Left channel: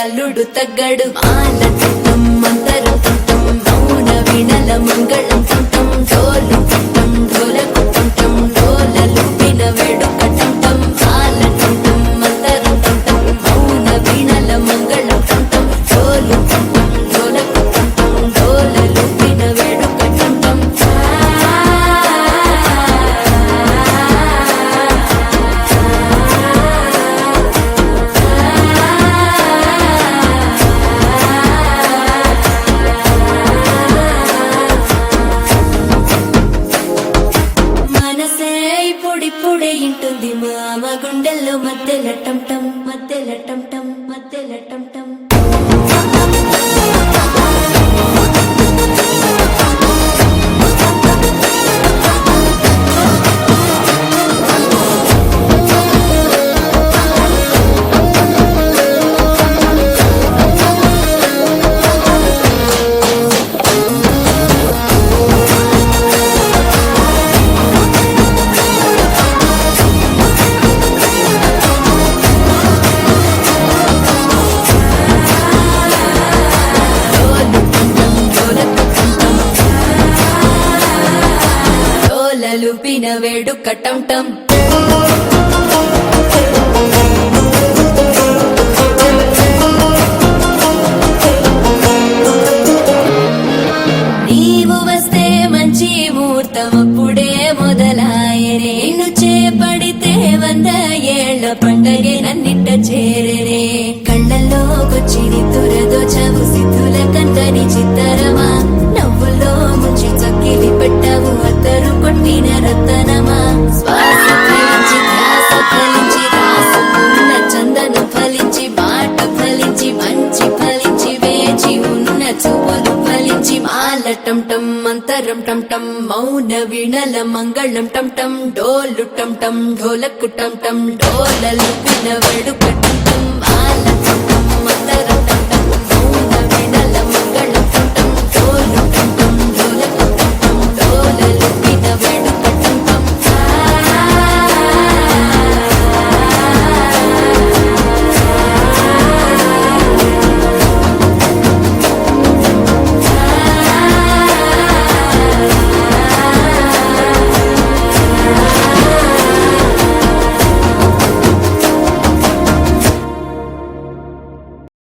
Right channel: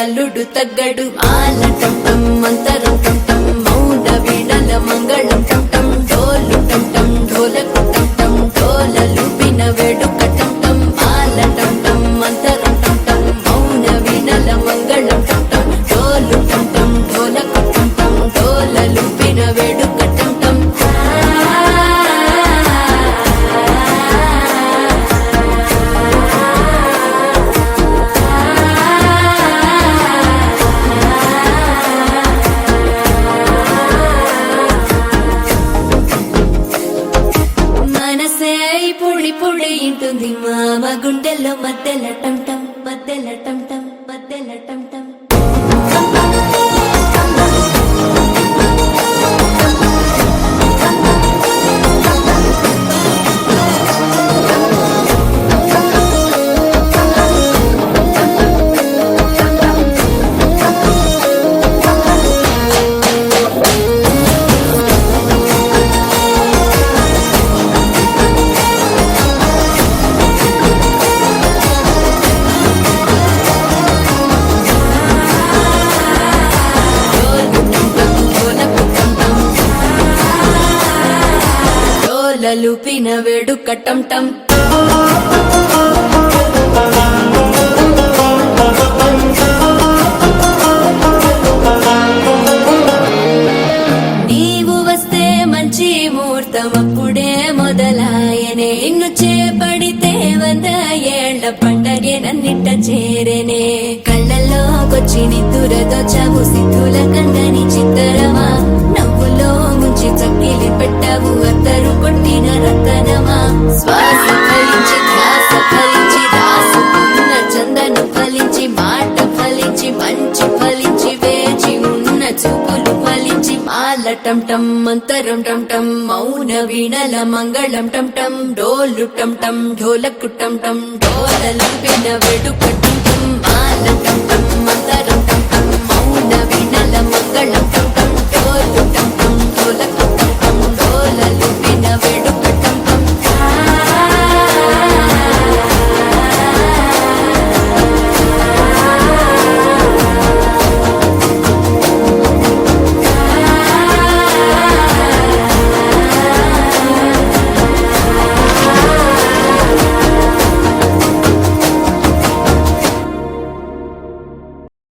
అల్లుడు తగ్గడు మాలటం మంతరం టం మౌన వినల మంగళం టం డోలు టం ఢోలకు టం డోలలు విన వేడుక టం మాలటం మంతరం టం మౌన వినల మంగళం టం డోలు టం ఢోలకు టం డోలలు విన వేడుక టం పొడి ఇంటుంది మామ గుండెల్లో మధ్యల టం టం మధ్యల టం టం మధ్యల టం టం లుపిన వేడుక టం టం నీవు వస్తే మంచి ముహూర్తం అప్పుడే మొదలాయనే నిన్ను చేపడితే 100 ఏళ్ల పండగే నన్నిట్ట చేరనే కళ్ళల్లోకొచ్చి నిద్దురదోచావు సిద్ధుల కందని చిత్తరమా నవ్వులో ముంచి చక్కిలి పెట్టావు అద్దరు కొట్టిన రతనమా శ్వాస ఫలించి ధ్యాస ఫలించి రాసుకున్న చందను ఫలించి మాట ఫలించి మంచి ఫలించి వేచి ఉన్న చూపులు ఫలించి మాలటం టం మంతరం టం టం మౌన వీణల మంగళం టం టం డోలు టం టం ఢోలకు టం టం డోలలు విన వేడుక